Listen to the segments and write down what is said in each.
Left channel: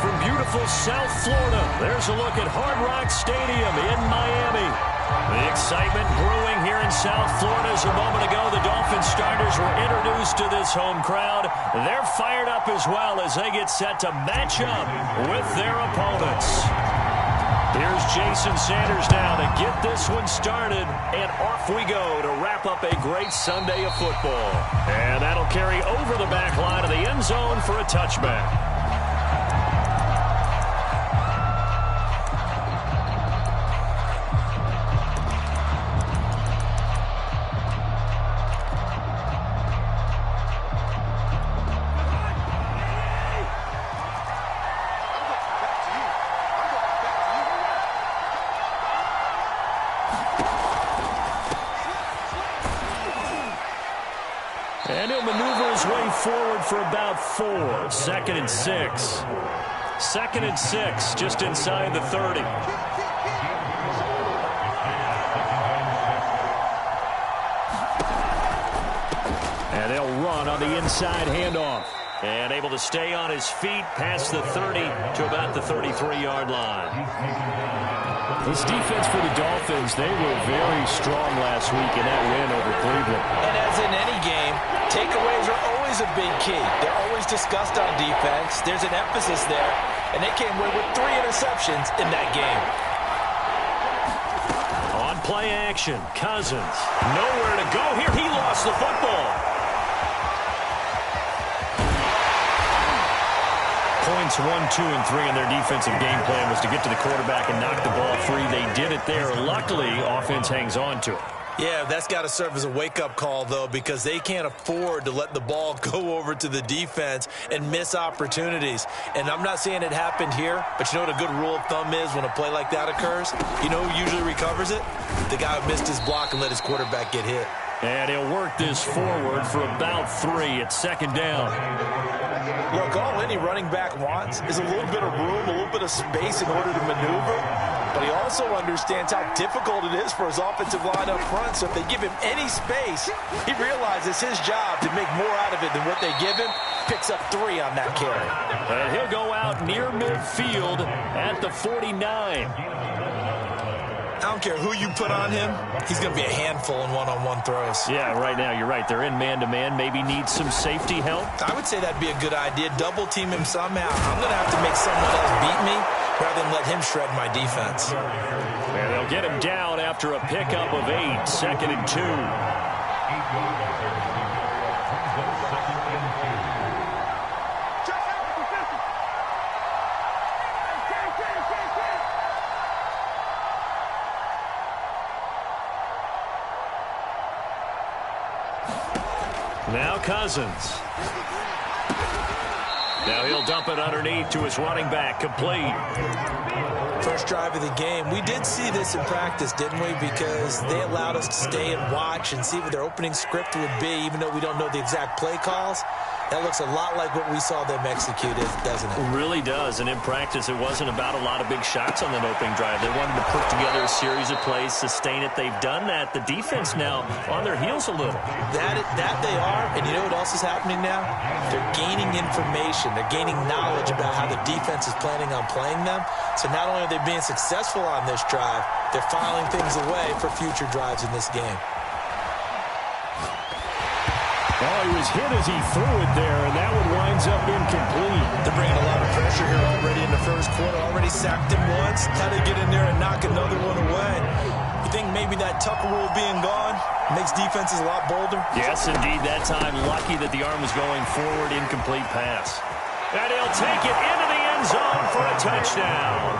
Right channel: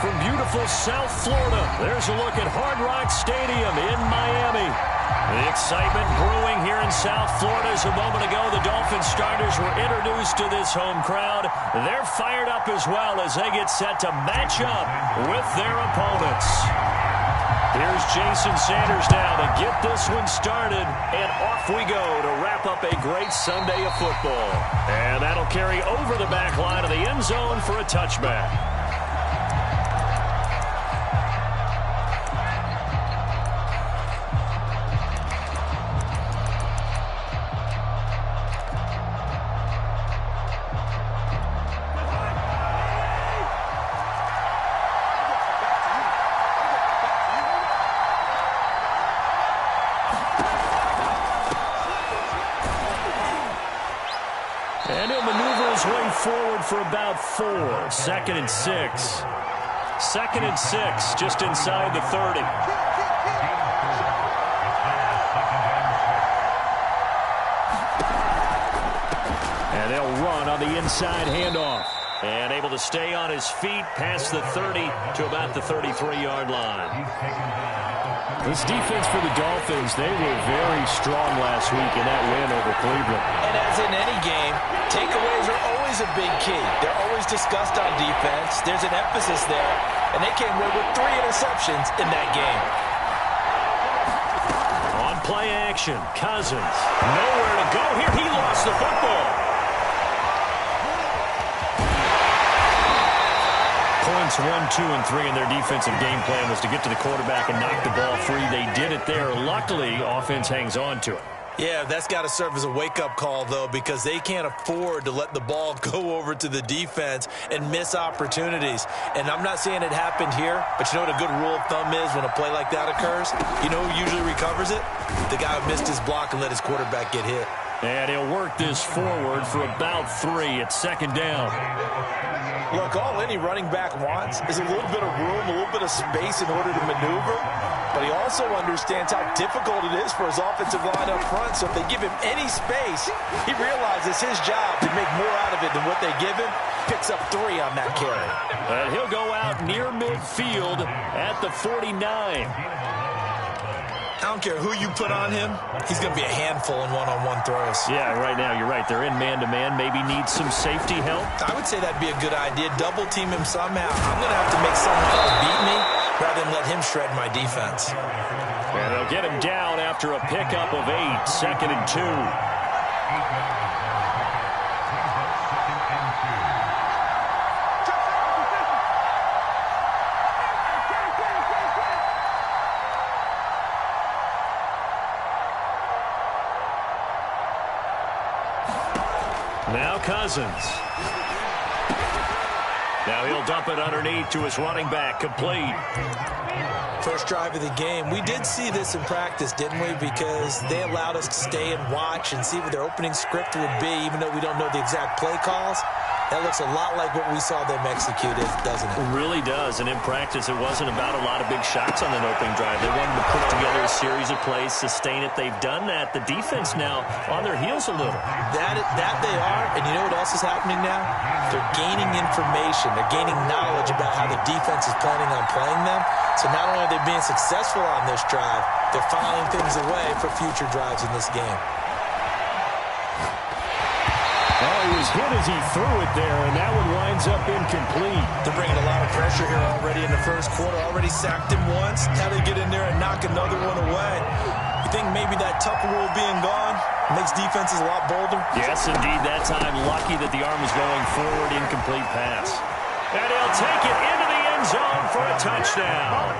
from beautiful South Florida, there's a look at Hard Rock Stadium in Miami. The excitement brewing here in South Florida as a moment ago the Dolphins starters were introduced to this home crowd. They're fired up as well as they get set to match up with their opponents. Here's Jason Sanders now to get this one started, and off we go to wrap up a great Sunday of football. And that'll carry over the back line of the end zone for a touchback. And he'll maneuver his way forward for about 4. Second and 6. Second and 6, just inside the 30. And they'll run on the inside handoff. And able to stay on his feet past the 30 to about the 33-yard line. This defense for the Dolphins, they were very strong last week in that win over Cleveland. And as in any game, takeaways are always a big key. They're always discussed on defense. There's an emphasis there, and they came away with 3 interceptions in that game. On play action, Cousins. Nowhere to go here. He lost the football. Points 1, 2, and 3 in their defensive game plan was to get to the quarterback and knock the ball free. They did it there. Luckily, offense hangs on to it. Yeah, that's got to serve as a wake-up call, though, because they can't afford to let the ball go over to the defense and miss opportunities. And I'm not saying it happened here, but you know what a good rule of thumb is when a play like that occurs? You know who usually recovers it? The guy who missed his block and let his quarterback get hit. And he'll work this forward for about 3 at second down. Look, all any running back wants is a little bit of room, a little bit of space in order to maneuver. But he also understands how difficult it is for his offensive line up front. So if they give him any space, he realizes his job to make more out of it than what they give him. Picks up 3 on that carry. And he'll go out near midfield at the 49. I don't care who you put on him. He's going to be a handful in one-on-one throws. Yeah, right now, you're right. They're in man-to-man. Maybe needs some safety help. I would say that'd be a good idea. Double-team him somehow. I'm going to have to make someone else beat me rather than let him shred my defense. And they'll get him down after a pickup of 8. Second and 2. Now Cousins. Now he'll dump it underneath to his running back, complete. First drive of the game. We did see this in practice, didn't we? Because they allowed us to stay and watch and see what their opening script would be, even though we don't know the exact play calls. That looks a lot like what we saw them execute, doesn't it? It really does. And in practice, it wasn't about a lot of big shots on that opening drive. They wanted to put together a series of plays, sustain it. They've done that. The defense now on their heels a little. That they are. And you know what else is happening now? They're gaining information. They're gaining knowledge about how the defense is planning on playing them. So not only are they being successful on this drive, they're filing things away for future drives in this game. Oh, he was hit as he threw it there, and that one winds up incomplete. They're bringing a lot of pressure here already in the first quarter. Already sacked him once. How to get in there and knock another one away. You think maybe that Tucker rule being gone makes defenses a lot bolder? Yes, indeed. That time, lucky that the arm was going forward. Incomplete pass. And he'll take it into the end zone for a touchdown.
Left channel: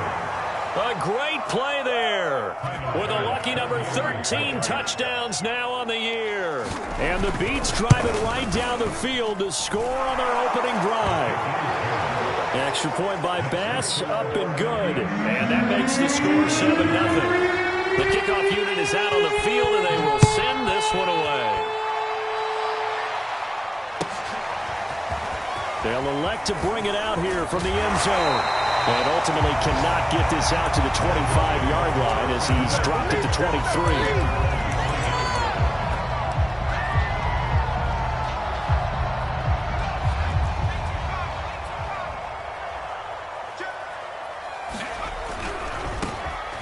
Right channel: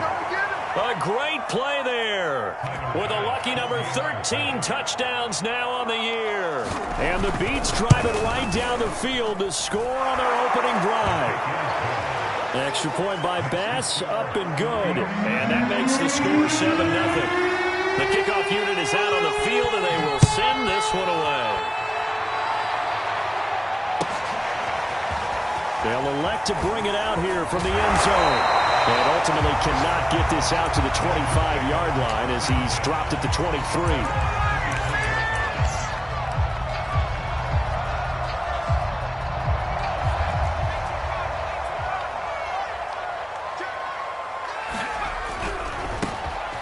A great play there with a lucky number 13 touchdowns now on the year. And the Beats drive it right down the field to score on their opening drive. Extra point by Bass, up and good. And that makes the score 7-0. The kickoff unit is out on the field, and they will send this one away. They'll elect to bring it out here from the end zone. And ultimately cannot get this out to the 25-yard line as he's dropped at the 23.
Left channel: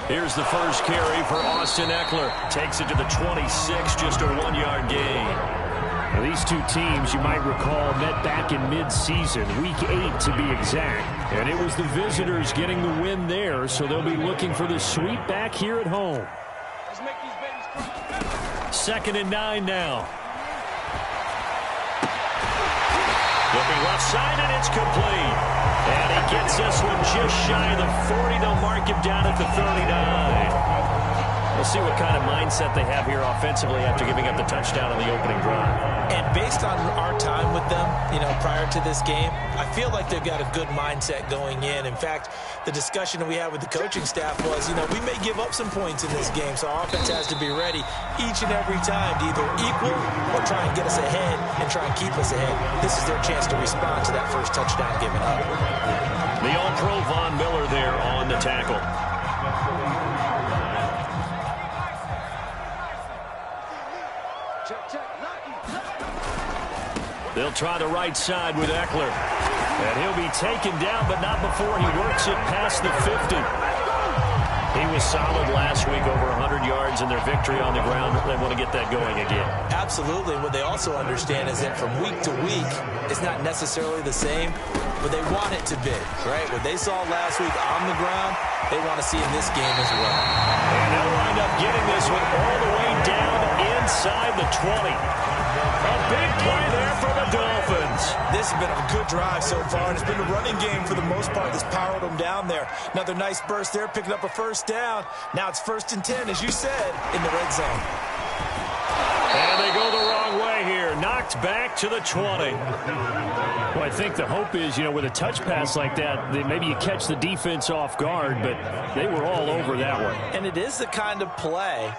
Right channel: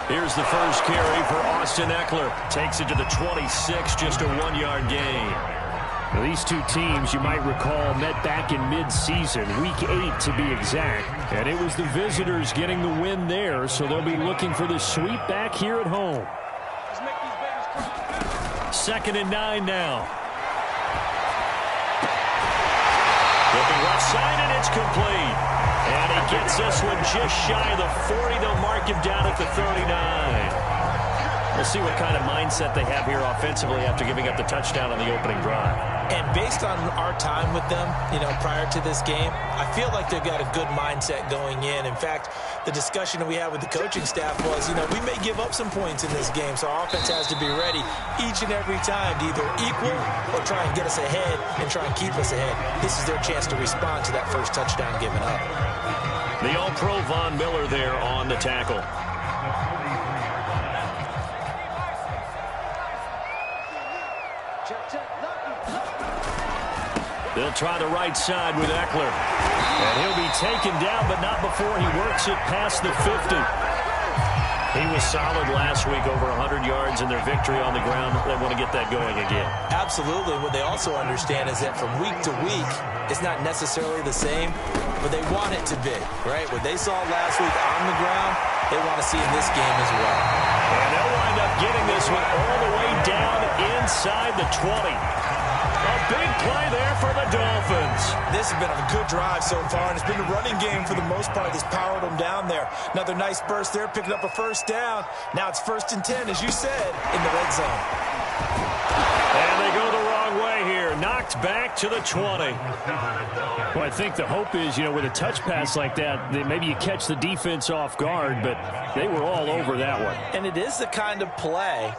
Here's the first carry for Austin Eckler. Takes it to the 26, just a 1-yard gain. Now, these two teams, you might recall, met back in mid-season, week 8 to be exact. And it was the visitors getting the win there, so they'll be looking for the sweep back here at home. Let's make these babies cry. 2nd and 9 now. Looking left side, and it's complete. And he gets this one just shy of the 40. They'll mark him down at the 39. We'll see what kind of mindset they have here offensively after giving up the touchdown on the opening drive. And based on our time with them, prior to this game, I feel like they've got a good mindset going in. In fact, the discussion that we had with the coaching staff was, we may give up some points in this game, so our offense has to be ready each and every time to either equal or try and get us ahead and try and keep us ahead. This is their chance to respond to that first touchdown given up. The All-Pro Von Miller there on the tackle. They'll try the right side with Eckler. And he'll be taken down, but not before he works it past the 50. He was solid last week, over 100 yards in their victory on the ground. They want to get that going again. Absolutely. What they also understand is that from week to week, it's not necessarily the same, but they want it to be, right? What they saw last week on the ground, they want to see in this game as well. And they'll wind up getting this one all the way down inside the 20. A big play there for the Dolphins. This has been a good drive so far, and it's been a running game for the most part that's powered them down there. Another nice burst there, picking up a first down. Now it's 1st and 10, as you said, in the red zone. And they go the wrong way here. Knocked back to the 20. Well, I think the hope is, with a touch pass like that maybe you catch the defense off guard, but they were all over that one. And it is the kind of play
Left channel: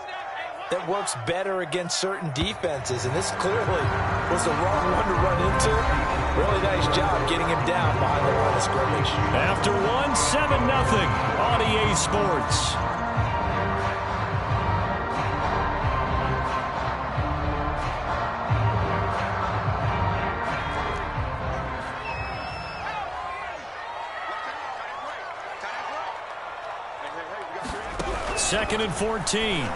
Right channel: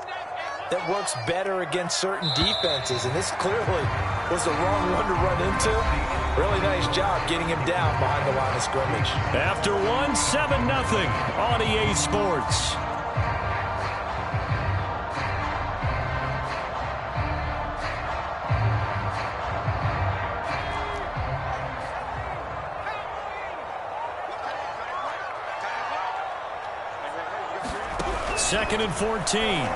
that works better against certain defenses, and this clearly was the wrong one to run into. Really nice job getting him down behind the line of scrimmage. After 7-0 on EA Sports. Second and 14.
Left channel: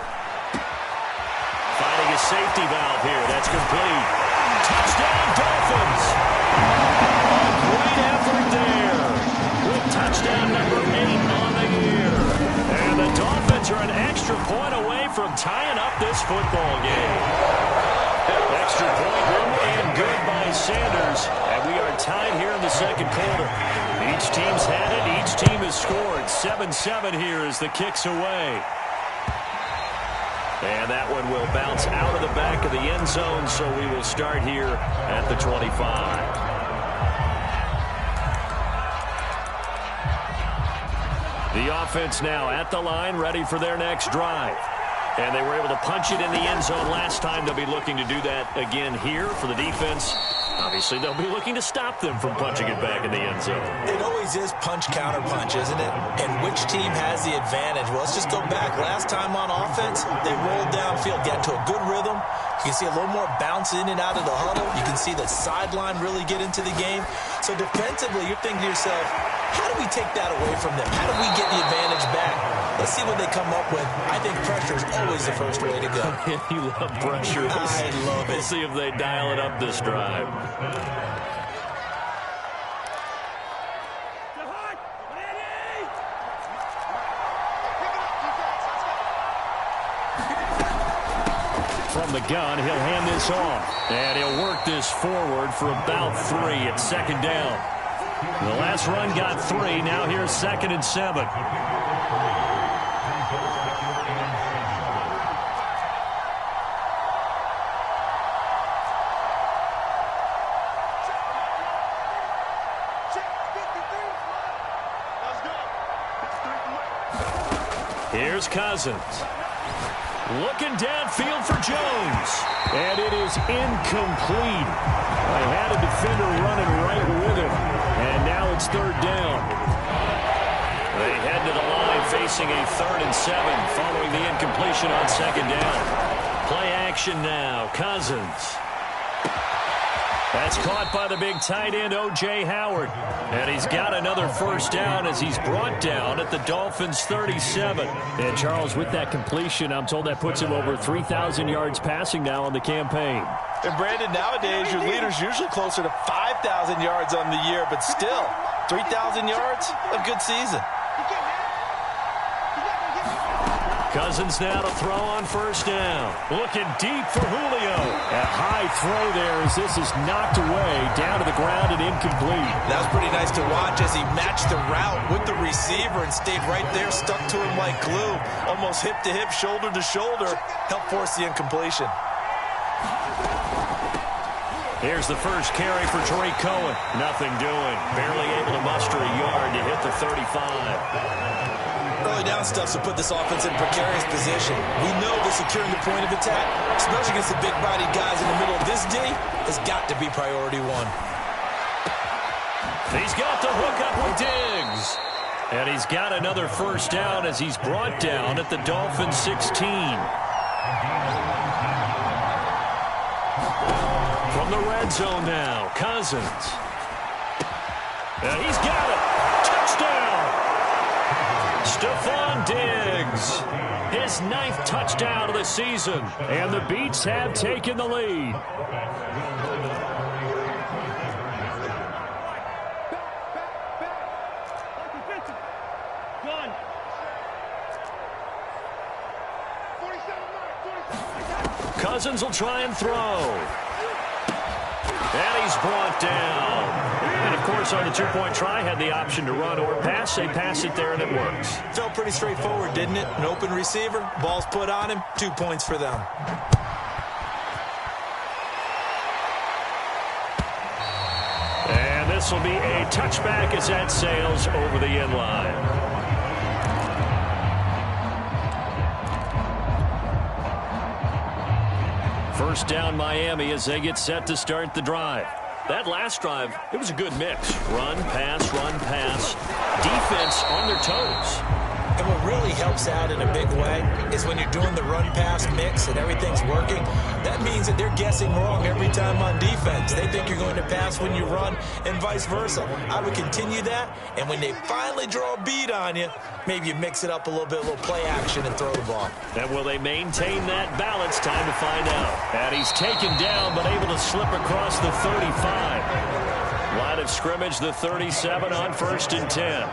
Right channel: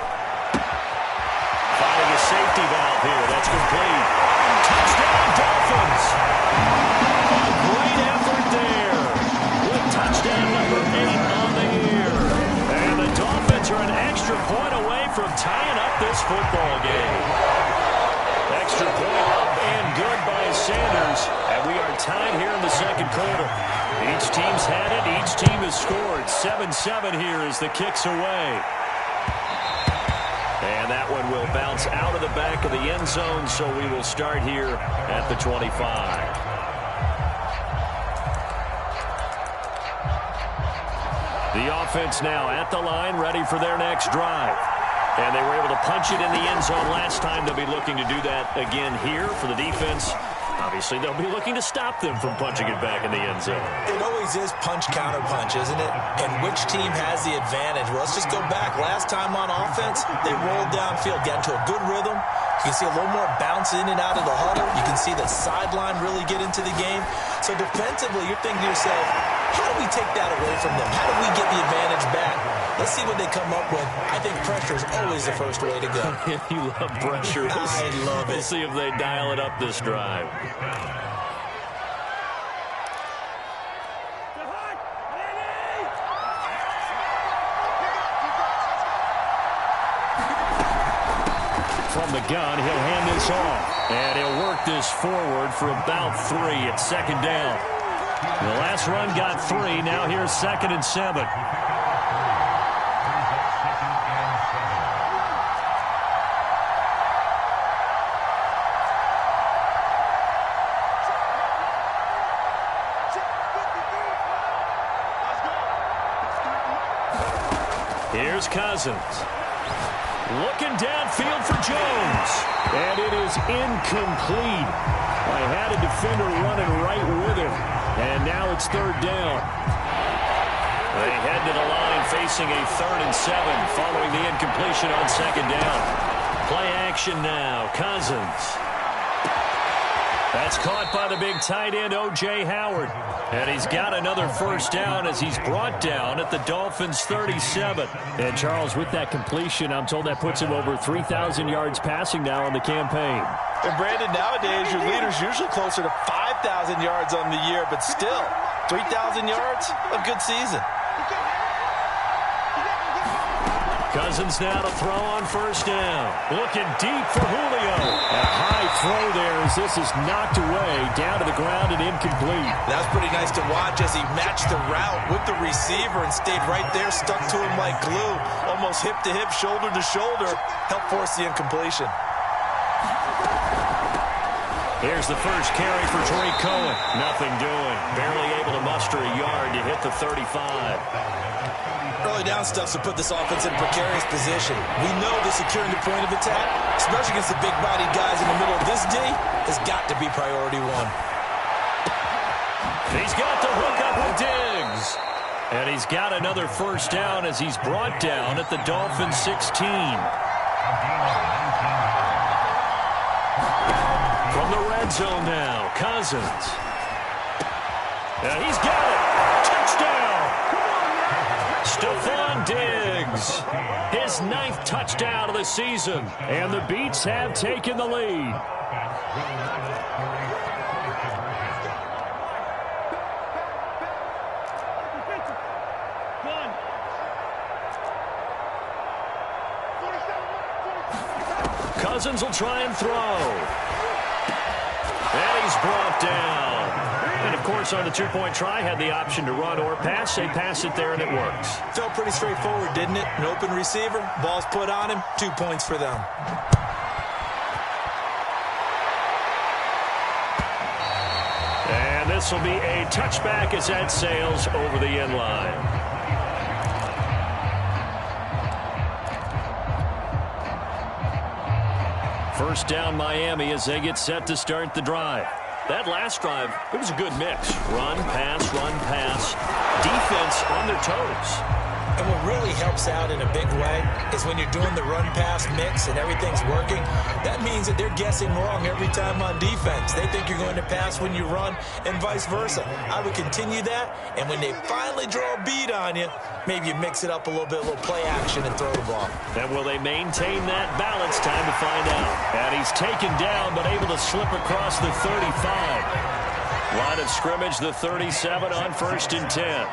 Finding a safety valve here. That's complete. Touchdown, Dolphins. A great effort there with touchdown number 8 on the year. And the Dolphins are an extra point away from tying up this football game. Extra point up and good by Sanders. And we are tied here in the second quarter. Each team's had it. Each team has scored. 7-7 here as the kick's away. And that one will bounce out of the back of the end zone, so we will start here at the 25. The offense now at the line, ready for their next drive. And they were able to punch it in the end zone last time. They'll be looking to do that again here for the defense. Obviously, they'll be looking to stop them from punching it back in the end zone. It always is punch-counter-punch, isn't it? And which team has the advantage? Well, let's just go back. Last time on offense, they rolled downfield, got into a good rhythm. You can see a little more bounce in and out of the huddle. You can see the sideline really get into the game. So defensively, you're thinking to yourself, how do we take that away from them? How do we get the advantage back? Let's see what they come up with. I think pressure is always the first way to go. You love pressure. I love it. We'll see if they dial it up this drive. From the gun, he'll hand this off. And he'll work this forward for about 3 at 2nd down. The last run got 3. Now here's 2nd and 7. Here's Cousins. Looking downfield for Jones. And it is incomplete. I had a defender running right with him. And now it's 3rd down. They head to the line facing a 3rd and 7 following the incompletion on 2nd down. Play action now. Cousins. That's caught by the big tight end, O.J. Howard. And he's got another first down as he's brought down at the Dolphins' 37. And, Charles, with that completion, I'm told that puts him over 3,000 yards passing now on the campaign. And, Brandon, nowadays your leader's usually closer to 5,000 yards on the year, but still, 3,000 yards, a good season. Cousins now to throw on first down. Looking deep for Julio. And a high throw there as this is knocked away, down to the ground and incomplete. That was pretty nice to watch as he matched the route with the receiver and stayed right there, stuck to him like glue, almost hip to hip, shoulder to shoulder, helped force the incompletion. Here's the first carry for Tariq Cohen. Nothing doing. Barely able to muster a yard to hit the 35. Early down stuff to put this offense in a precarious position. We know that securing the point of attack, especially against the big-bodied guys in the middle of this D, has got to be priority one. He's got the hook up with Diggs. And he's got another first down as he's brought down at the Dolphins' 16. From the red zone now, Cousins. And he's got it. Touchdown. Stephon Diggs, his 9th touchdown of the season. And the Beats have taken the lead. Cousins will try and throw. And he's brought down. And, of course, on the two-point try, had the option to run or pass. They pass it there, and it works. Felt pretty straightforward, didn't it? An open receiver, ball's put on him, 2 points for them. And this will be a touchback as that sails over the end line. First down Miami as they get set to start the drive. That last drive, it was a good mix. Run, pass, defense on their toes. And what really helps out in a big way is when you're doing the run-pass mix and everything's working, that means that they're guessing wrong every time on defense. They think you're going to pass when you run and vice versa. I would continue that, and when they finally draw a beat on you, maybe you mix it up a little bit, a little play action and throw the ball. And will they maintain that balance? Time to find out. And he's taken down but able to slip across the 35. Line of scrimmage, the 37 on 1st and 10.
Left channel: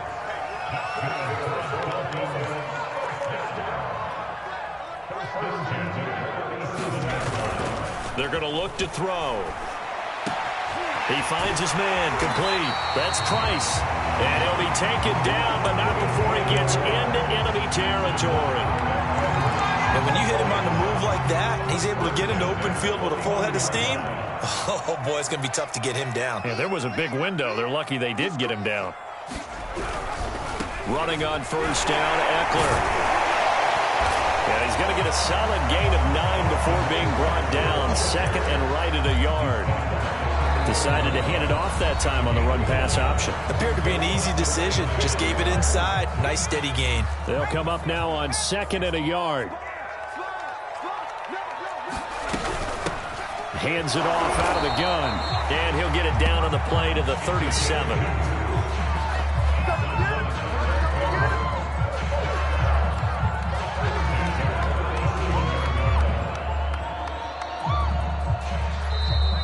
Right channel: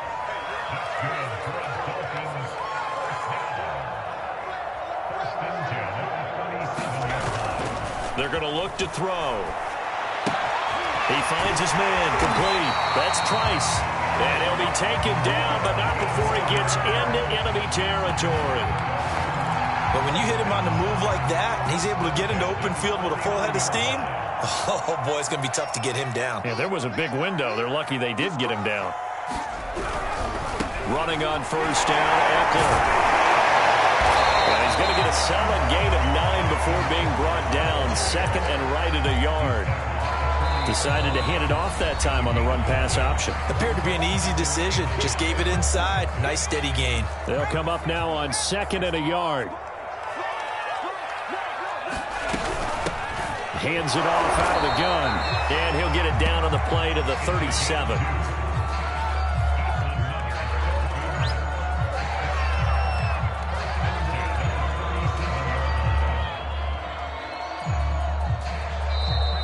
They're going to look to throw. He finds his man, complete. That's Price. And he'll be taken down, but not before he gets into enemy territory. But when you hit him on the move like that, and he's able to get into open field with a full head of steam, oh boy, it's going to be tough to get him down. Yeah, there was a big window. They're lucky they did get him down. Running on first down, Eckler. And he's going to get a solid gain of 9 before being brought down. Second and right at a yard. Decided to hand it off that time on the run-pass option. Appeared to be an easy decision. Just gave it inside. Nice steady gain. They'll come up now on 2nd and a yard. Hands it off out of the gun. And he'll get it down on the play to the 37.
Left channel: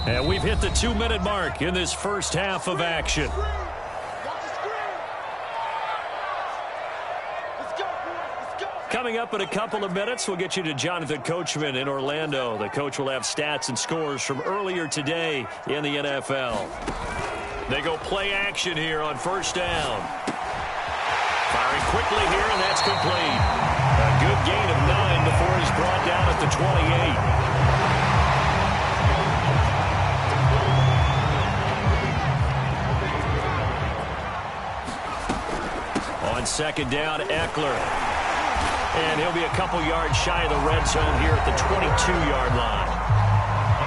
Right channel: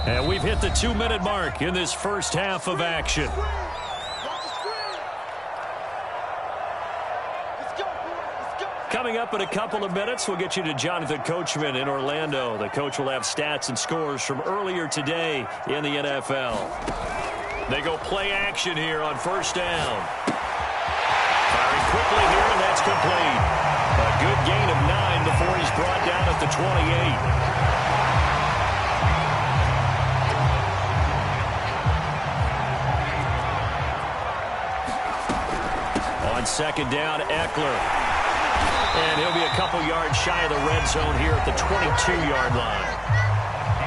And we've hit the 2-minute mark in this first half of action. Coming up in a couple of minutes, we'll get you to Jonathan Coachman in Orlando. The coach will have stats and scores from earlier today in the NFL. They go play action here on first down. Firing quickly here, and that's complete. A good gain of 9 before he's brought down at the 28. On second down, Eckler. And he'll be a couple yards shy of the red zone here at the 22-yard line.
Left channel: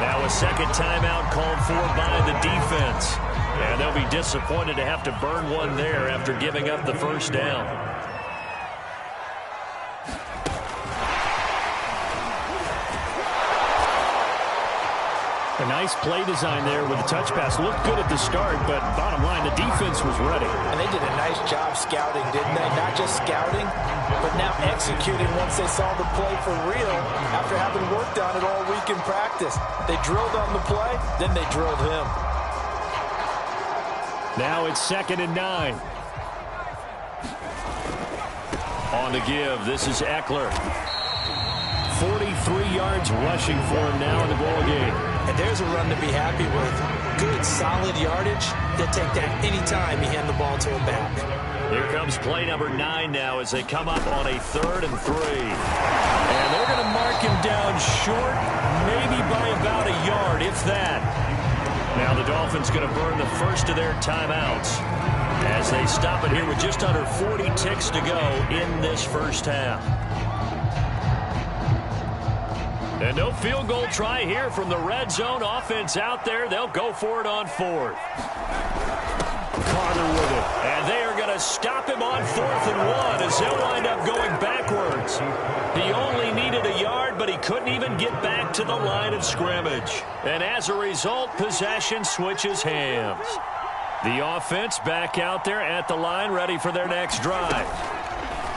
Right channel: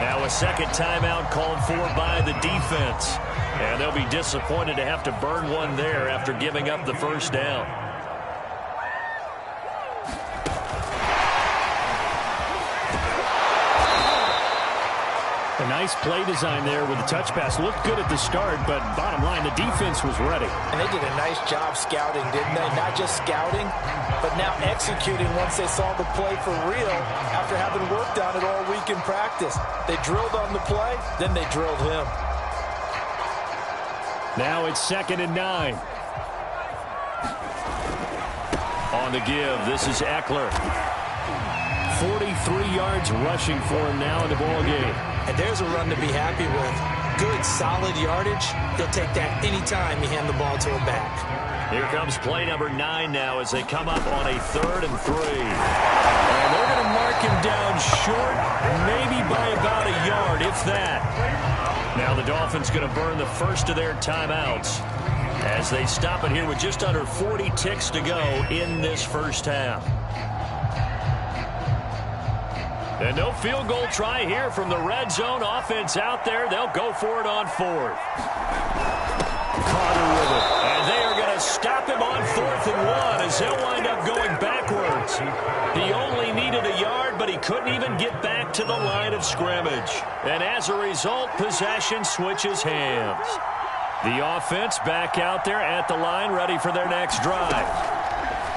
Now a second timeout called for by the defense. And they'll be disappointed to have to burn one there after giving up the first down. A nice play design there with the touch pass. Looked good at the start, but bottom line, the defense was ready. And they did a nice job scouting, didn't they? Not just scouting, but now executing once they saw the play for real after having worked on it all week in practice. They drilled on the play, then they drilled him. Now it's 2nd and 9. On the give, this is Eckler. 43 yards rushing for him now in the ball game. And there's a run to be happy with. Good, solid yardage. They'll take that anytime you hand the ball to a back. Here comes play number 9 now as they come up on a 3rd and 3. And they're going to mark him down short, maybe by about a yard, if that. Now the Dolphins going to burn the first of their timeouts as they stop it here with just under 40 ticks to go in this first half. And no field goal try here from the red zone. Offense out there. They'll go for it on 4th. Carter with it. And they are going to stop him on 4th and 1 as they'll wind up going backwards. He only needed a yard, but he couldn't even get back to the line of scrimmage. And as a result, possession switches hands. The offense back out there at the line, ready for their next drive.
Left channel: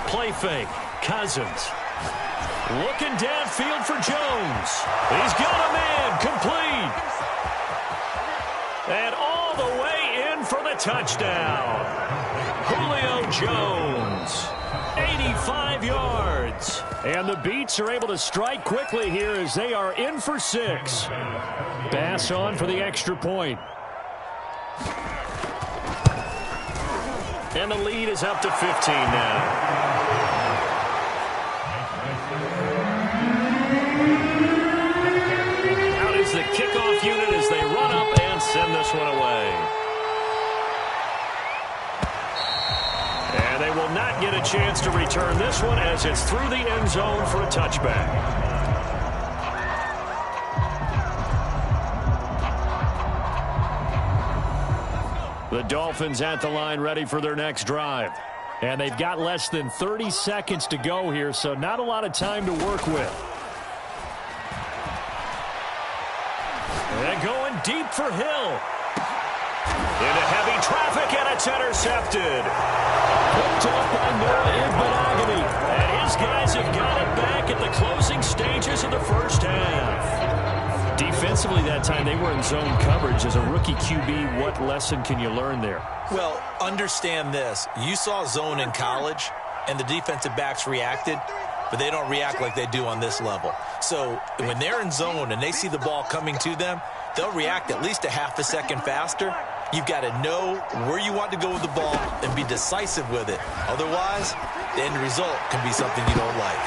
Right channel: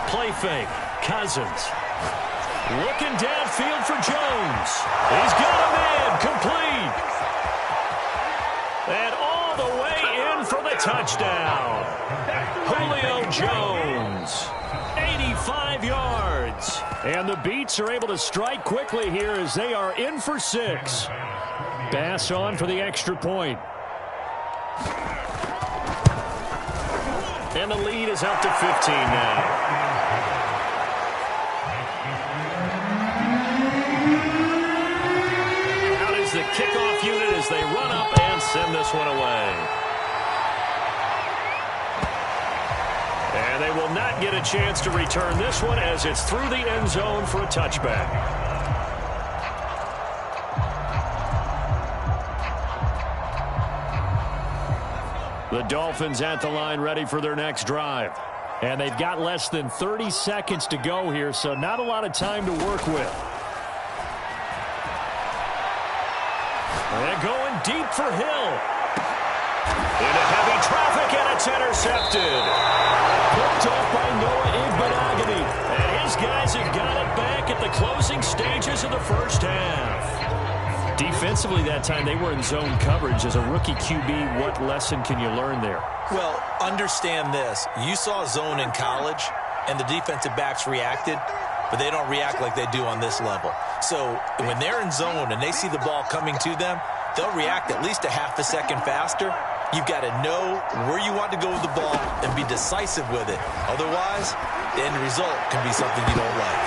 Play fake. Cousins. Looking downfield for Jones. He's got a man complete. And all the way in for the touchdown. Julio Jones. 85 yards. And the Beats are able to strike quickly here as they are in for 6. Bass on for the extra point. And the lead is up to 15 now. The kickoff unit as they run up and send this one away. And they will not get a chance to return this one as it's through the end zone for a touchback. The Dolphins at the line ready for their next drive. And they've got less than 30 seconds to go here, so not a lot of time to work with. And going deep for Hill. Into heavy traffic, and it's intercepted. Picked off by Noah Igbenogany. And his guys have got it back at the closing stages of the first half. Defensively that time, they were in zone coverage. As a rookie QB, what lesson can you learn there? Well, understand this. You saw zone in college, and the defensive backs reacted, but they don't react like they do on this level. So when they're in zone and they see the ball coming to them, they'll react at least a half a second faster. You've got to know where you want to go with the ball and be decisive with it. Otherwise, the end result can be something you don't like.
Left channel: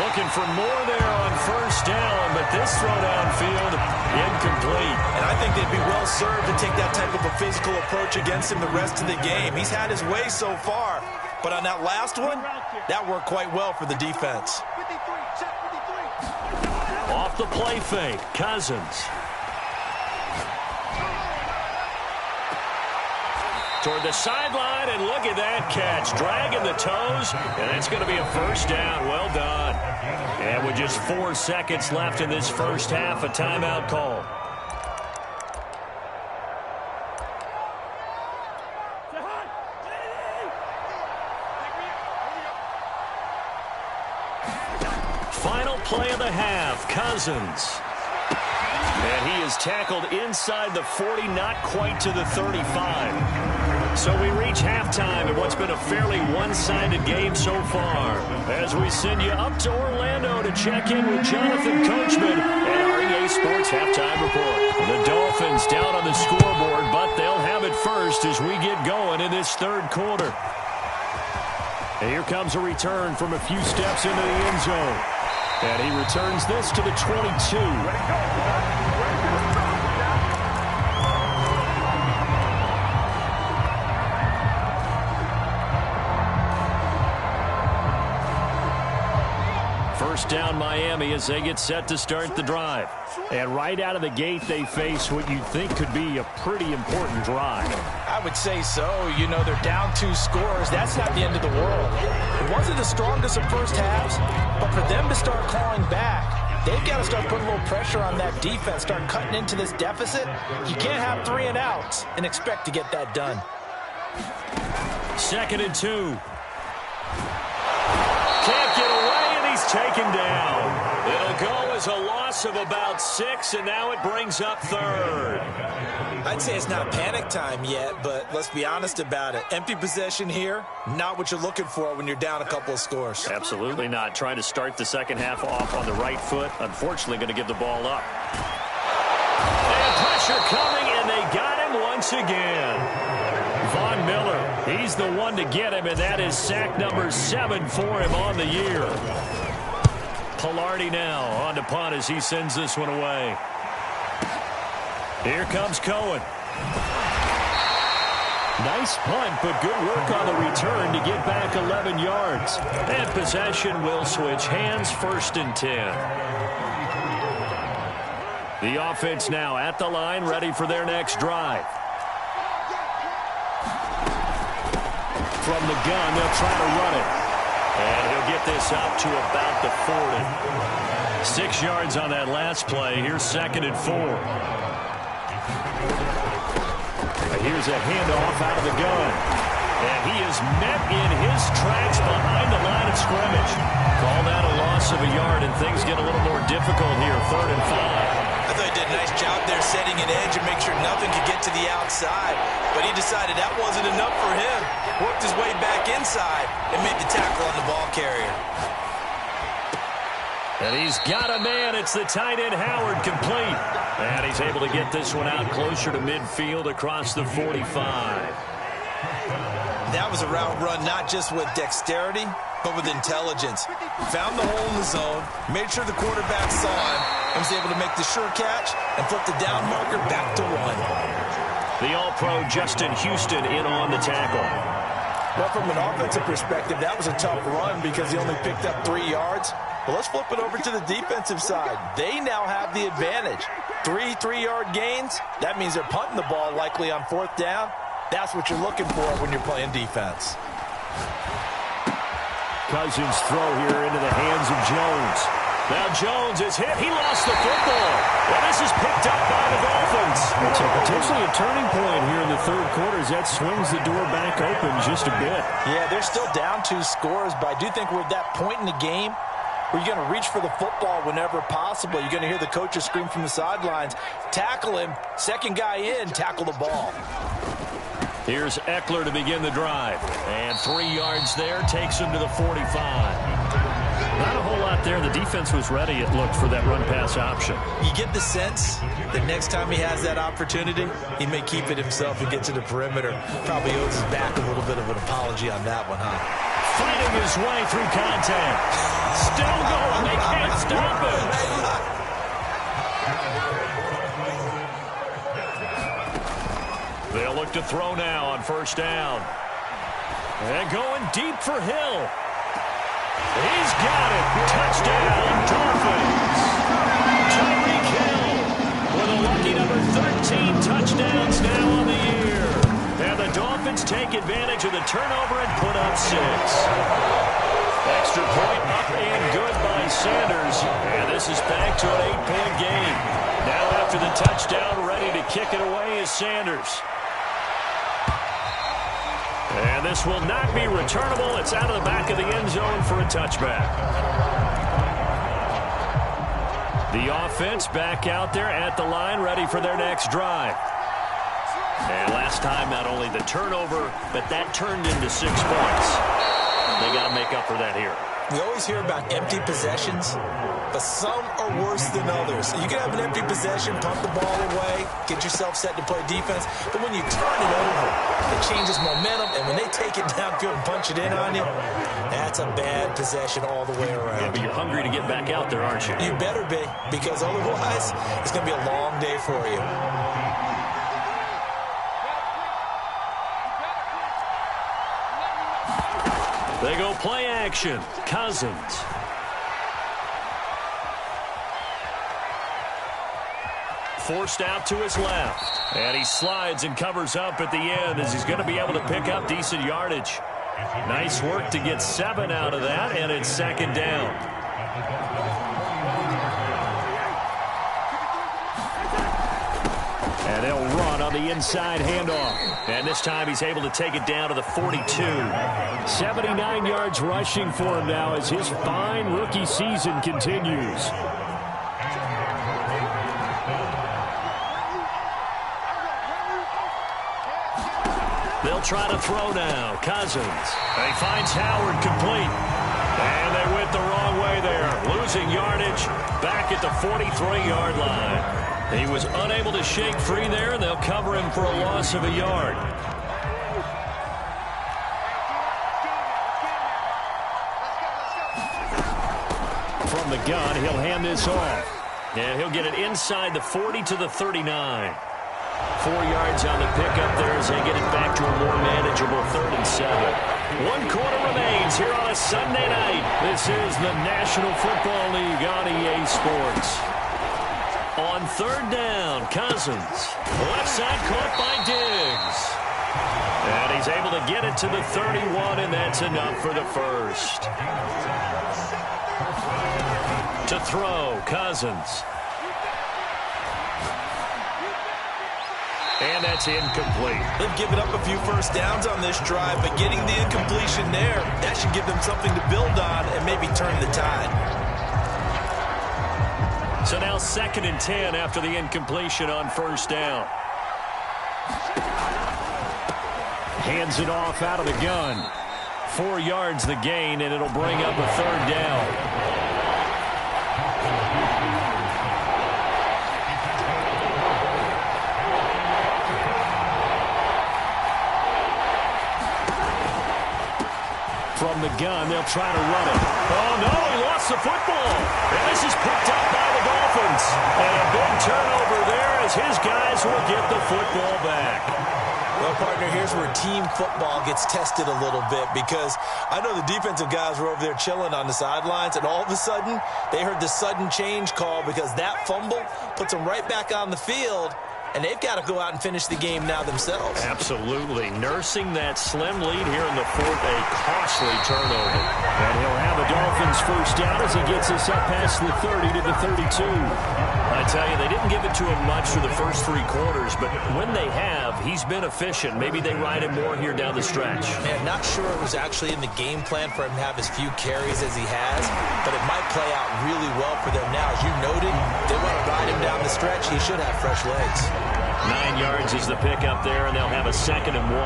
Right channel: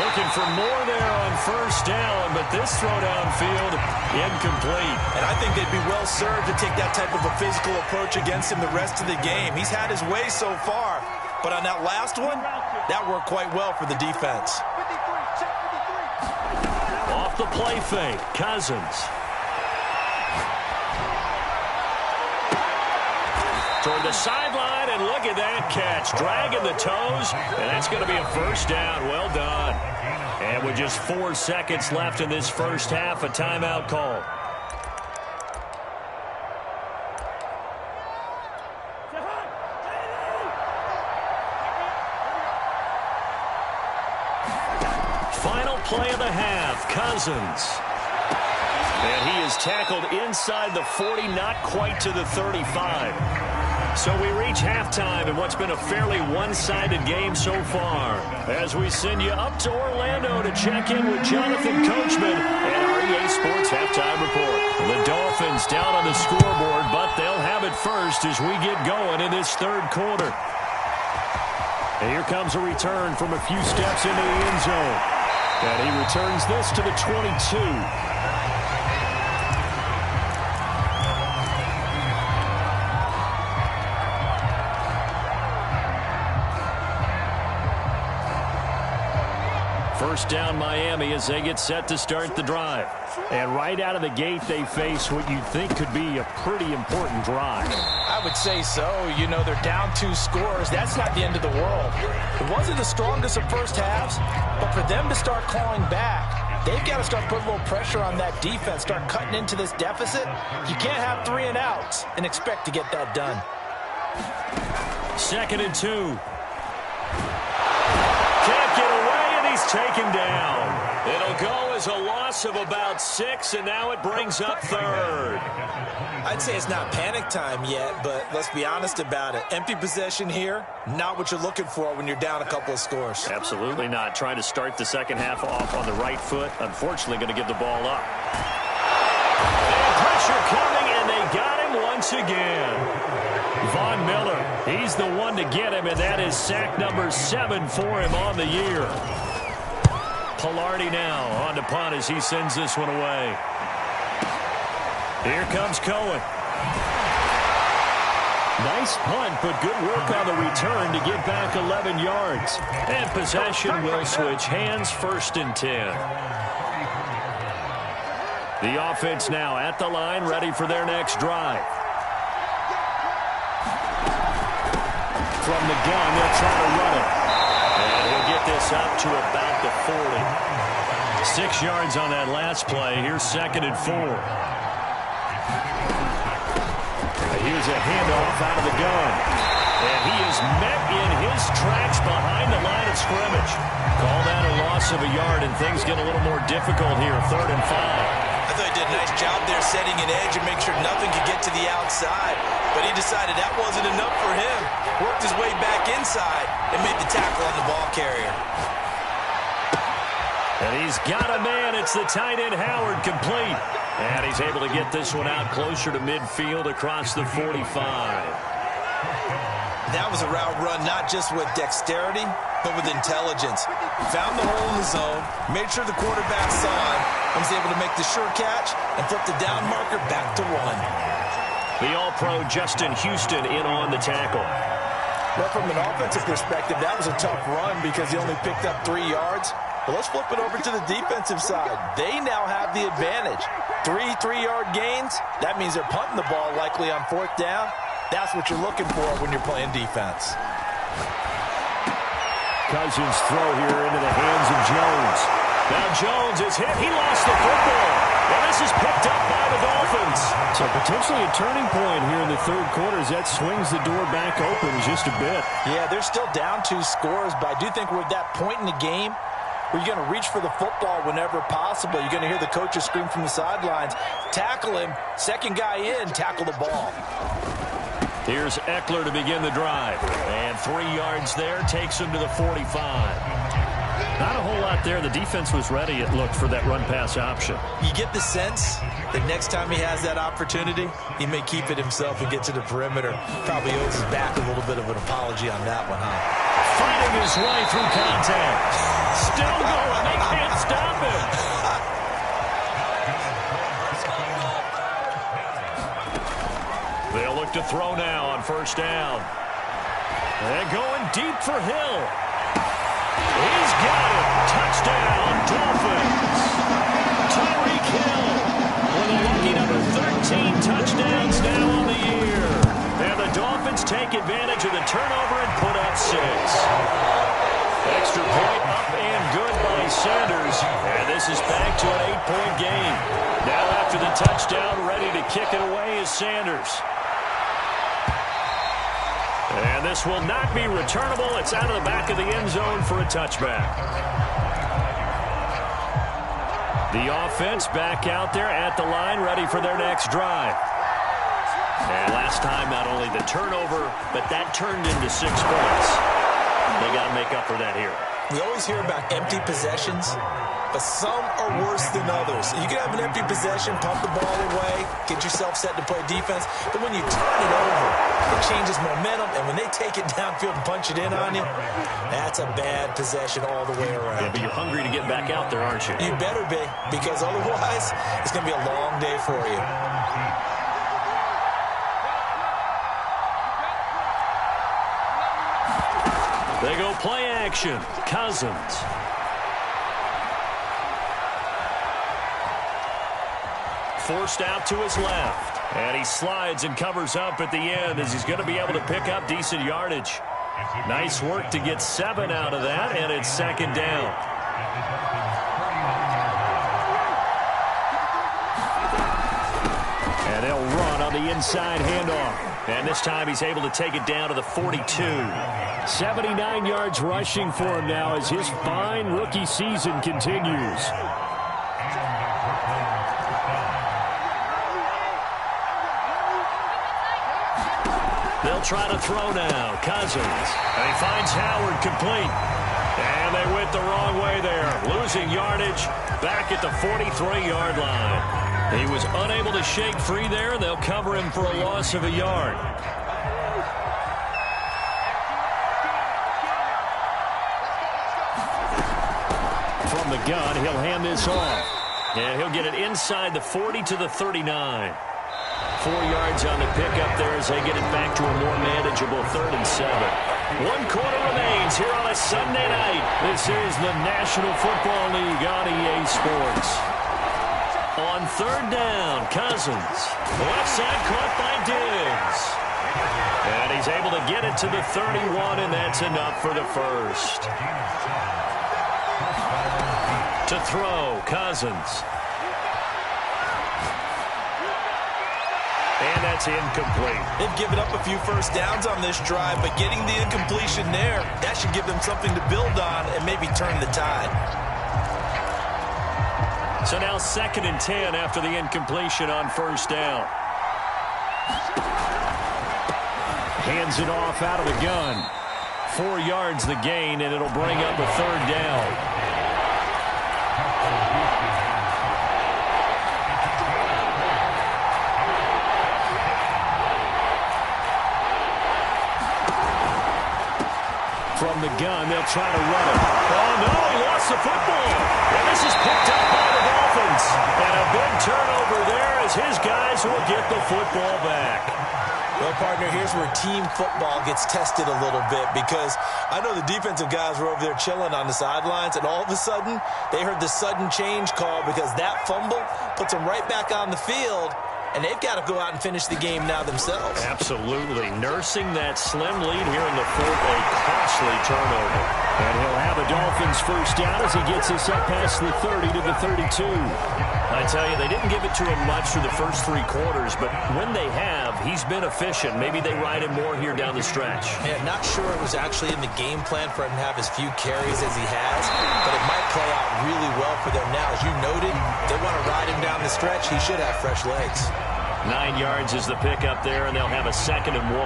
Looking for more there on first down, but this throw downfield incomplete. And I think they'd be well served to take that type of a physical approach against him the rest of the game. He's had his way so far, but on that last one, that worked quite well for the defense. Off the play fake, Cousins. Toward the sideline, and look at that catch. Dragging the toes, and that's going to be a first down. Well done. And with just 4 seconds left in this first half, a timeout call. Final play of the half, Cousins. And he is tackled inside the 40, not quite to the 35. So we reach halftime in what's been a fairly one-sided game so far. As we send you up to Orlando to check in with Jonathan Coachman and our EA Sports Halftime Report. The Dolphins down on the scoreboard, but they'll have it first as we get going in this third quarter. And here comes a return from a few steps into the end zone. And he returns this to the 22. First down Miami as they get set to start the drive. And right out of the gate, they face what you think could be a pretty important drive. I would say so. You know, they're down 2 scores. That's not the end of the world. It wasn't the strongest of first halves, but for them to start clawing back, they've got to start putting a little pressure on that defense, start cutting into this deficit. You can't have 3 and outs and expect to get that done. 2nd and 2. Can't get away, and he's taken down. It'll go as a loss of about 6, and now it brings up 3rd. I'd say it's not panic time yet, but let's be honest about it. Empty possession here, not what you're looking for when you're down a couple of scores. Absolutely not. Trying to start the second half off on the right foot. Unfortunately, going to give the ball up. And pressure coming, and they got him once again. Von Miller, he's the one to get him, and that is sack number 7 for him on the year. Pilardi now on to punt as he sends this one away. Here comes Cohen. Nice punt, but good work on the return to get back 11 yards. And possession will switch hands, 1st and 10. The offense now at the line, ready for their next drive. From the gun, they'll try to run it. And he'll get this up to about the 40. 6 yards on that last play. Here's 2nd and 4. Here's a handoff out of the gun. And he is met in his tracks behind the line of scrimmage. Call that a loss of a yard, and things get a little more difficult here. 3rd and 5. I thought he did a nice job there setting an edge and make sure nothing could get to the outside. But he decided that wasn't enough for him. Worked his way back inside and made the tackle on the ball carrier. And he's got a man. It's the tight end Howard, complete. And he's able to get this one out closer to midfield across the 45. That was a route run not just with dexterity, but with intelligence. Found the hole in the zone, made sure the quarterback saw him, and was able to make the sure catch and flip the down marker back to 1. The All-Pro Justin Houston in on the tackle. Well, from an offensive perspective, that was a tough run because he only picked up 3 yards. But let's flip it over to the defensive side. They now have the advantage. 3 3-yard gains. That means they're punting the ball likely on 4th down. That's what you're looking for when you're playing defense. Cousins throw here into the hands of Jones. Now Jones is hit. He lost the football. Well, this is picked up by the Dolphins. So potentially a turning point here in the 3rd quarter as that swings the door back open just a bit. Yeah, they're still down 2 scores, but I do think we're at that point in the game where you're going to reach for the football whenever possible. You're going to hear the coaches scream from the sidelines, tackle him, 2nd guy in, tackle the ball. Here's Eckler to begin the drive. And 3 yards there takes him to the 45. Not a whole lot there. The defense was ready, it looked, for that run-pass option. You get the sense that next time he has that opportunity, he may keep it himself and get to the perimeter. Probably owes his back a little bit of an apology on that one, huh? Fighting his way through contact. Still going. They can't stop him. They'll look to throw now on 1st down. And going deep for Hill. He's got it. Touchdown, Dolphins. Tyreek Hill with a lucky number 13 touchdowns now on the year. And the Dolphins take advantage of the turnover and put up 6. Extra point up and good by Sanders. And this is back to an 8-point game. Now after the touchdown, ready to kick it away is Sanders. And this will not be returnable. It's out of the back of the end zone for a touchback. The offense back out there at the line, ready for their next drive. And last time, not only the turnover, but that turned into 6 points. They got to make up for that here. We always hear about empty possessions, but some are worse than others. You can have an empty possession, pump the ball away, get yourself set to play defense, but when you turn it over, it changes momentum, and when they take it downfield and punch it in on you, that's a bad possession all the way around. Yeah, but you're hungry to get back out there, aren't you? You better be, because otherwise, it's going to be a long day for you. They go play action. Cousins. Forced out to his left. And he slides and covers up at the end as he's going to be able to pick up decent yardage. Nice work to get 7 out of that, and it's 2nd down. And they'll run on the inside handoff. And this time he's able to take it down to the 42. 79 yards rushing for him now as his fine rookie season continues. They'll try to throw now. Cousins. And he finds Howard complete. And they went the wrong way there. Losing yardage back at the 43-yard line. He was unable to shake free there, and they'll cover him for a loss of a yard. From the gun, he'll hand this off. And he'll get it inside the 40 to the 39. 4 yards on the pickup there as they get it back to a more manageable 3rd and 7. 1 quarter remains here on a Sunday night. This is the National Football League on EA Sports. On 3rd down, Cousins. Left side caught by Diggs. And he's able to get it to the 31, and that's enough for the first. To throw, Cousins. And that's incomplete. They've given up a few first downs on this drive, but getting the incompletion there, that should give them something to build on and maybe turn the tide. So now 2nd and 10 after the incompletion on 1st down. Hands it off out of the gun. 4 yards the gain, and it'll bring up a 3rd down. From the gun, they'll try to run it. Oh, no, he lost the football. And this is picked up by the Dolphins. And a big turnover there as his guys will get the football back. Well, partner, here's where team football gets tested a little bit, because I know the defensive guys were over there chilling on the sidelines, and all of a sudden, they heard the sudden change call because that fumble puts them right back on the field, and they've got to go out and finish the game now themselves. Absolutely. Nursing that slim lead here in the 4th, a costly turnover. And he'll have a Dolphins first down as he gets this up past the 30 to the 32. I tell you, they didn't give it to him much through the first 3 quarters, but when they have, he's been efficient. Maybe they ride him more here down the stretch. Man, not sure it was actually in the game plan for him to have as few carries as he has, but it might play out really well for them now. As you noted, they want to ride him down the stretch. He should have fresh legs. 9 yards is the pickup there, and they'll have a 2nd and 1.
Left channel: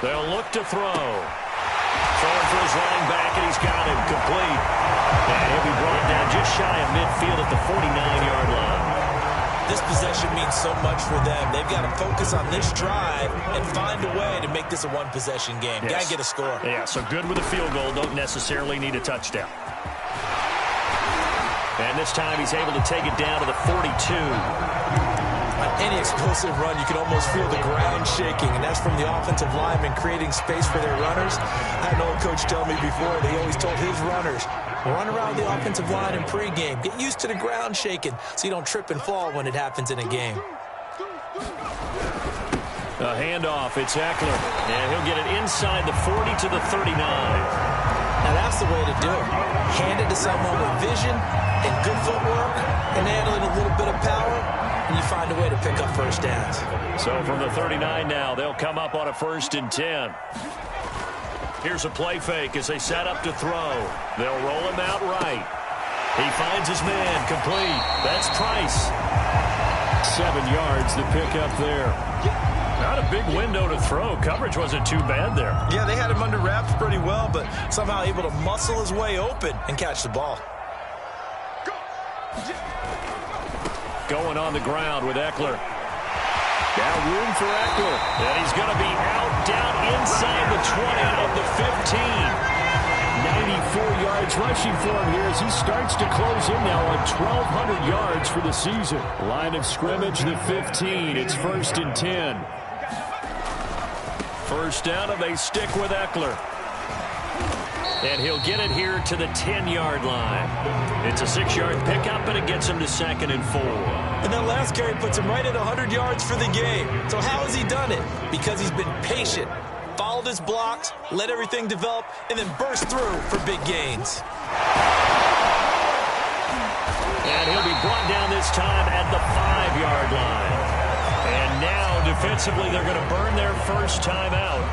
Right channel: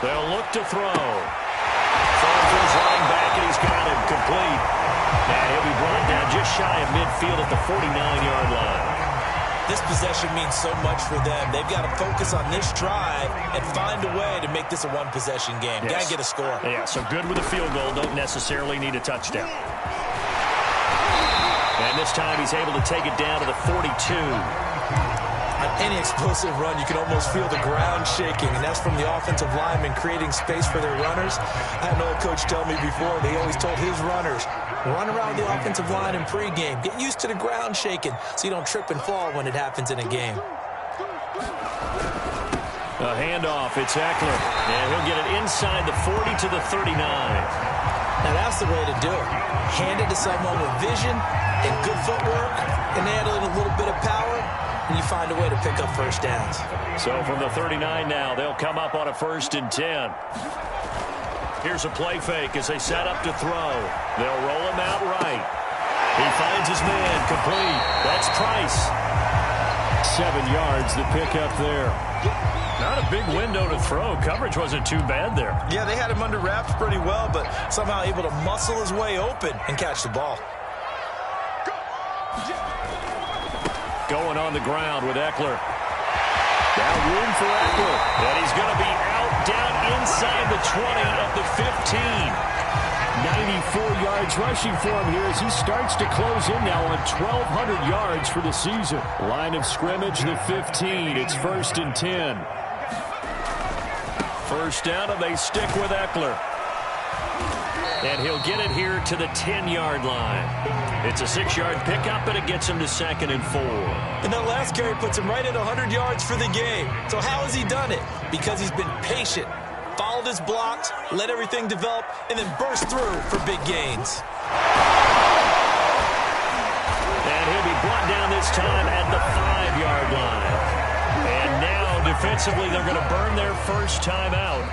They'll look to throw. Throwing for his running back, and he's got him complete. And he'll be brought down just shy of midfield at the 49-yard line. This possession means so much for them. They've got to focus on this drive and find a way to make this a one-possession game. Yes. Got to get a score. Yeah, so good with a field goal. Don't necessarily need a touchdown. And this time he's able to take it down to the 42. On any explosive run, you can almost feel the ground shaking, and that's from the offensive linemen creating space for their runners. I had an old coach tell me before, they always told his runners, run around the offensive line in pregame. Get used to the ground shaking so you don't trip and fall when it happens in a game. A handoff, it's Eckler. And he'll get it inside the 40 to the 39. Now that's the way to do it. Hand it to someone with vision and good footwork, and add in a little bit of power, and you find a way to pick up first downs. So from the 39 now, they'll come up on a 1st and 10. Here's a play fake as they set up to throw. They'll roll him out right. He finds his man complete. That's Price. 7 yards, the pickup there. Not a big window to throw. Coverage wasn't too bad there. Yeah, they had him under wraps pretty well, but somehow able to muscle his way open and catch the ball. Going on the ground with Eckler. Now room for Eckler. And he's going to be out down inside the 20 of the 15. 94 yards rushing for him here as he starts to close in now on 1,200 yards for the season. Line of scrimmage, the 15. It's 1st and 10. First down, and they stick with Eckler. And he'll get it here to the 10-yard line. It's a 6-yard pickup, and it gets him to 2nd and 4. And that last carry puts him right at 100 yards for the game. So how has he done it? Because he's been patient, followed his blocks, let everything develop, and then burst through for big gains. And he'll be brought down this time at the 5-yard line. And now, defensively, they're going to burn their first time out.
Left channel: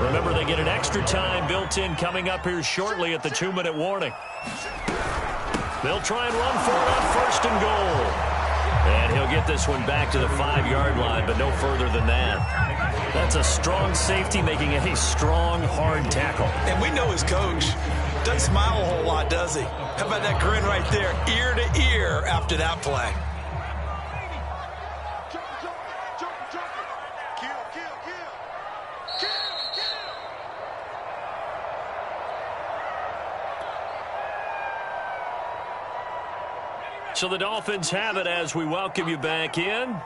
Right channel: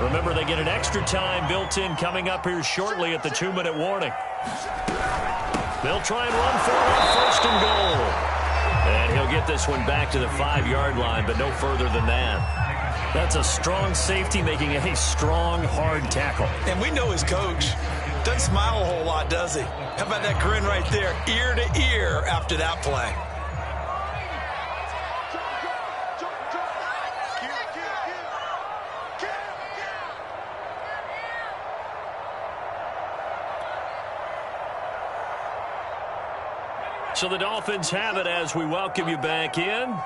Remember, they get an extra time built in coming up here shortly at the 2-minute warning. They'll try and run for it on first and goal. And he'll get this one back to the 5-yard line, but no further than that. That's a strong safety making a strong, hard tackle. And we know his coach. Doesn't smile a whole lot, does he? How about that grin right there, ear to ear after that play? So the Dolphins have it as we welcome you back in.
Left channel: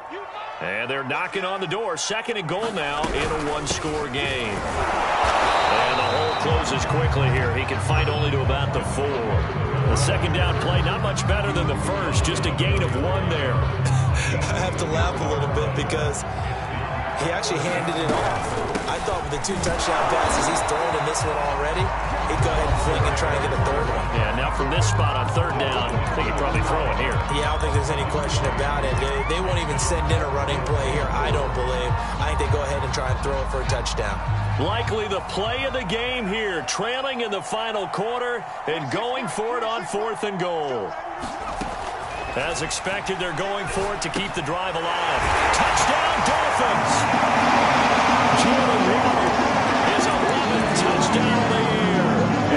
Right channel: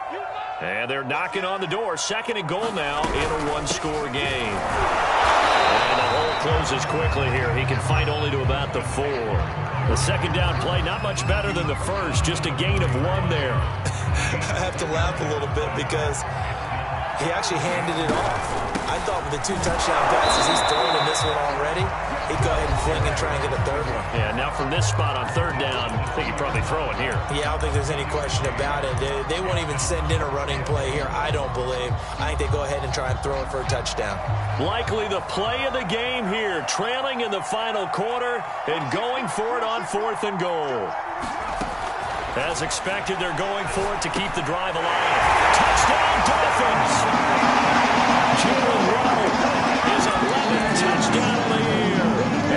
And they're knocking on the door. 2nd and goal now in a 1-score game. And the hole closes quickly here. He can fight only to about the 4. The 2nd down play, not much better than the first. Just a gain of 1 there. I have to laugh a little bit because he actually handed it off. I thought with the 2 touchdown passes he's thrown in this one already, he'd go ahead and fling and try and get a 3rd one. Yeah, now from this spot on 3rd down, I think he'd probably throw it here. Yeah, I don't think there's any question about it. They won't even send in a running play here, I don't believe. I think they go ahead and try and throw it for a touchdown. Likely the play of the game here, trailing in the final quarter and going for it on 4th and goal. As expected, they're going for it to keep the drive alive. Touchdown, Dolphins! Jalen Waddle, his 11th touchdown of the year.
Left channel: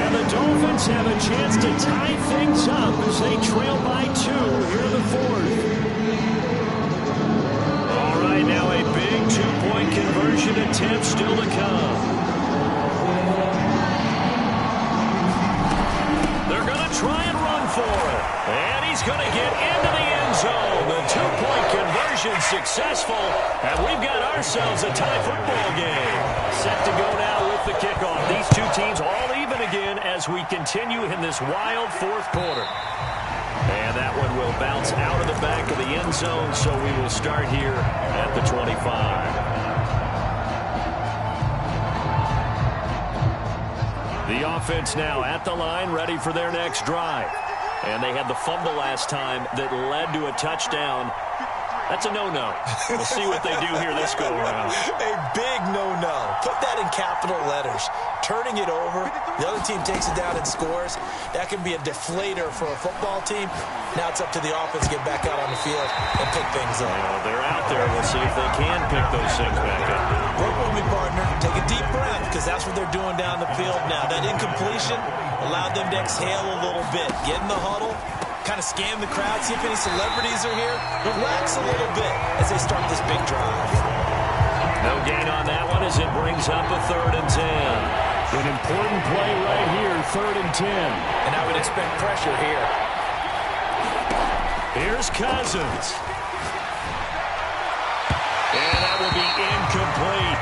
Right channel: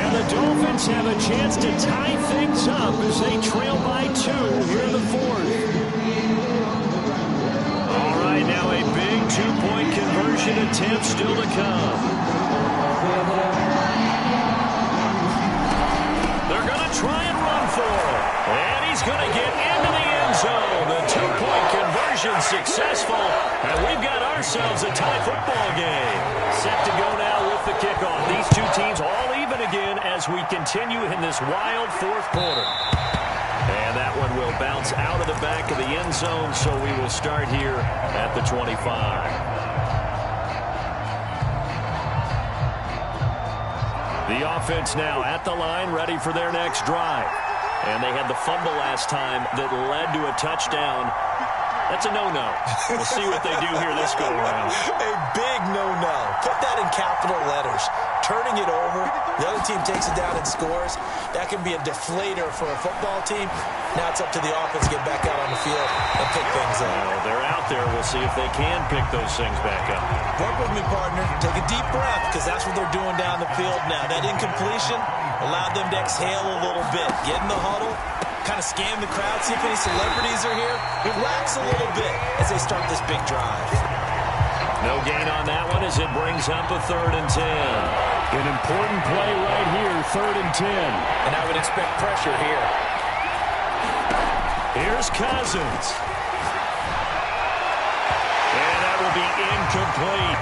And the Dolphins have a chance to tie things up as they trail by 2 here in the 4th. All right, now a big 2-point conversion attempt still to come. They're going to try and run for it. And he's going to get into the end zone. The 2-point conversion successful. And we've got ourselves a tie football game. Set to go now with the kickoff. These 2 teams all even again as we continue in this wild 4th quarter. And that one will bounce out of the back of the end zone. So we will start here at the 25. The offense now at the line, ready for their next drive. And they had the fumble last time that led to a touchdown. That's a no-no. We'll see what they do here this go-around. A big no-no. Put that in capital letters. Turning it over, the other team takes it down and scores. That can be a deflator for a football team. Now it's up to the offense to get back out on the field and pick things up. Well, they're out there. We'll see if they can pick those things back up. Work with me, partner. Take a deep breath because that's what they're doing down the field now. That incompletion allowed them to exhale a little bit. Get in the huddle. Kind of scan the crowd, see if any celebrities are here. Relax a little bit as they start this big drive. No gain on that one as it brings up a 3rd and 10. An important play right here, 3rd and 10. And I would expect pressure here. Here's Cousins. And that will be incomplete.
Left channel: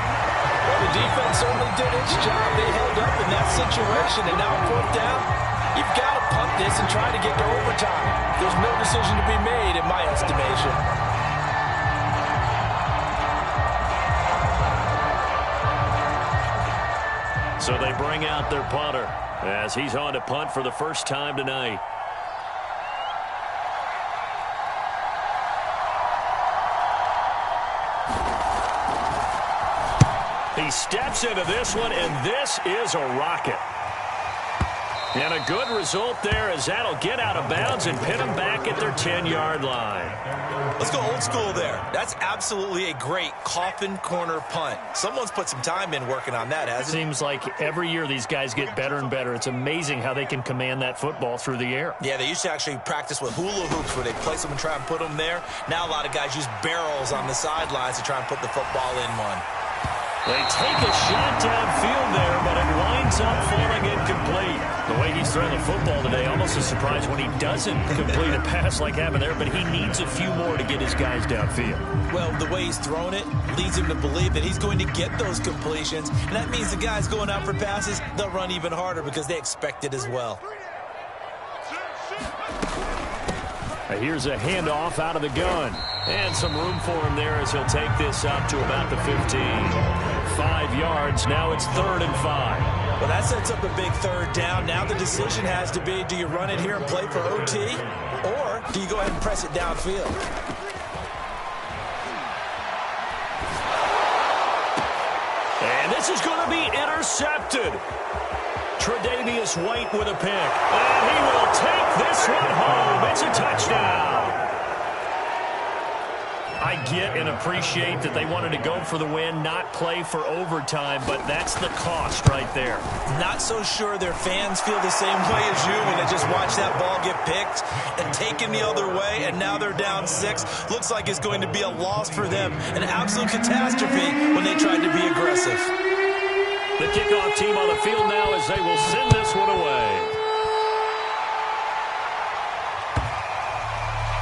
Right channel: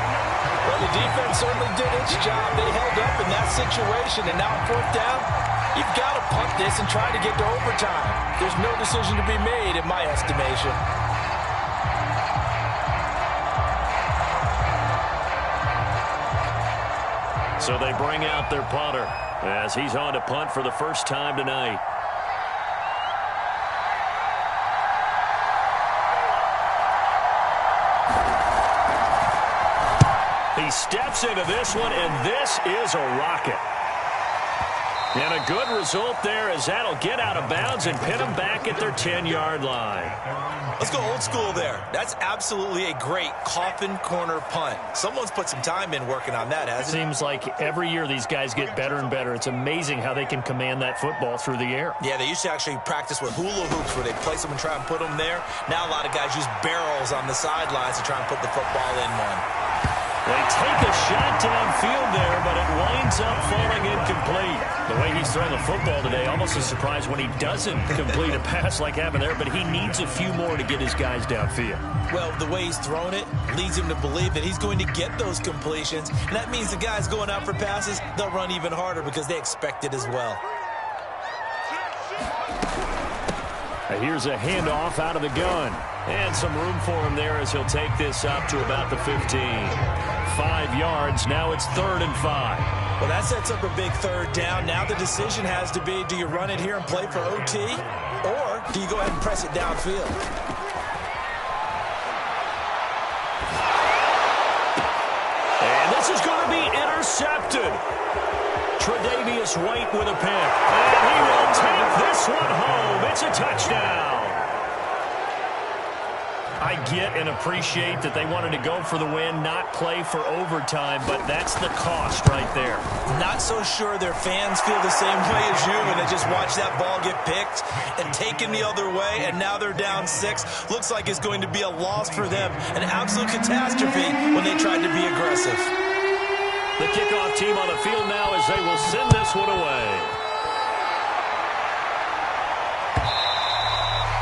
Well, the defense certainly did its job. They held up in that situation, and now 4th down. You've got to punt this and try to get to overtime. There's no decision to be made in my estimation. So they bring out their punter as he's on to punt for the first time tonight. He steps into this one, and this is a rocket. And a good result there as that'll get out of bounds and pin them back at their 10-yard line. Let's go old school there. That's absolutely a great coffin corner punt. Someone's put some time in working on that, hasn't it? Seems like every year these guys get better and better. It's amazing how they can command that football through the air. Yeah, they used to actually practice with hula hoops where they place them and try and put them there. Now a lot of guys use barrels on the sidelines to try and put the football in one. They take a shot downfield there, but it winds up falling incomplete. The way he's thrown the football today, almost a surprise when he doesn't complete a pass like happened there, but he needs a few more to get his guys downfield. Well, the way he's thrown it leads him to believe that he's going to get those completions, and that means the guys going out for passes, they'll run even harder because they expect it as well. Here's a handoff out of the gun. And some room for him there as he'll take this up to about the 15. 5 yards. Now it's 3rd and 5. Well, that sets up a big 3rd down. Now the decision has to be, do you run it here and play for OT, or do you go ahead and press it downfield? And this is going to be intercepted. Tre'Davious White with a pick. And he will take this one home. It's a touchdown. I get and appreciate that they wanted to go for the win, not play for overtime, but that's the cost right there. Not so sure their fans feel the same way as you when they just watch that ball get picked and taken the other way, and now they're down 6. Looks like it's going to be a loss for them, an absolute catastrophe when they tried to be aggressive. The kickoff team on the field now as they will send this one away.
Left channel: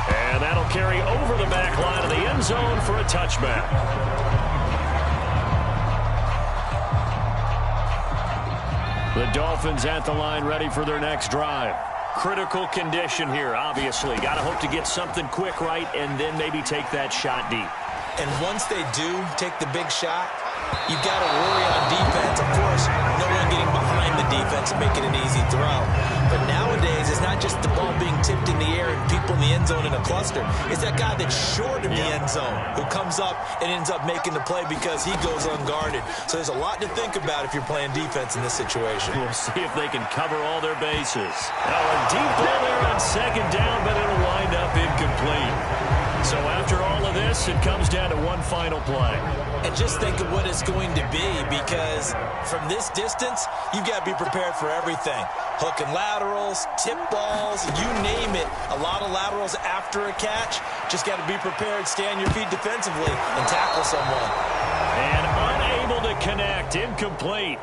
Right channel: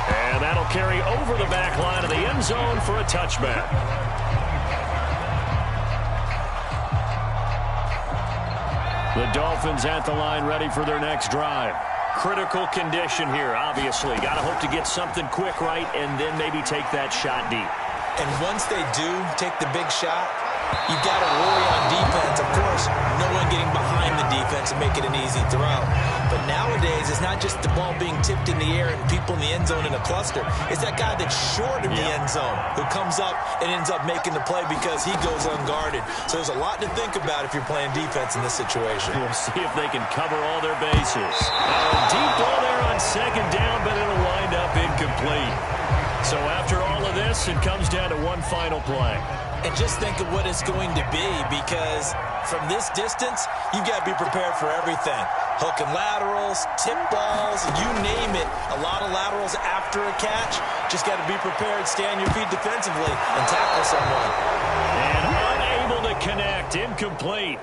And that'll carry over the back line of the end zone for a touchback. The Dolphins at the line ready for their next drive. Critical condition here, obviously. Got to hope to get something quick right and then maybe take that shot deep. And once they do take the big shot, you've got to worry on defense. Of course, no one getting behind the defense and make it an easy throw. But nowadays, it's not just the ball being tipped in the air and people in the end zone in a cluster. It's that guy that's short of the end zone who comes up and ends up making the play because he goes unguarded. So there's a lot to think about if you're playing defense in this situation. We'll see if they can cover all their bases. Now a deep ball there on 2nd down, but it'll wind up incomplete. So after all of this, it comes down to one final play. And just think of what it's going to be, because from this distance, you've got to be prepared for everything. Hook and laterals, tip balls, you name it. A lot of laterals after a catch. Just got to be prepared, stay on your feet defensively, and tackle someone. And unable to connect, incomplete.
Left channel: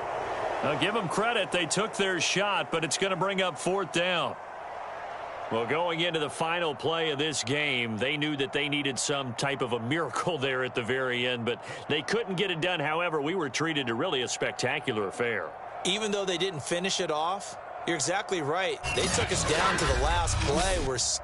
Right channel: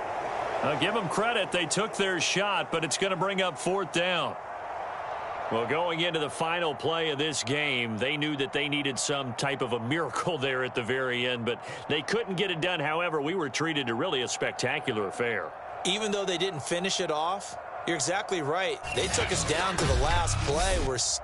I'll give them credit. They took their shot, but it's going to bring up 4th down. Well, going into the final play of this game, they knew that they needed some type of a miracle there at the very end, but they couldn't get it done. However, we were treated to really a spectacular affair. Even though they didn't finish it off, you're exactly right. They took us down to the last play. We're still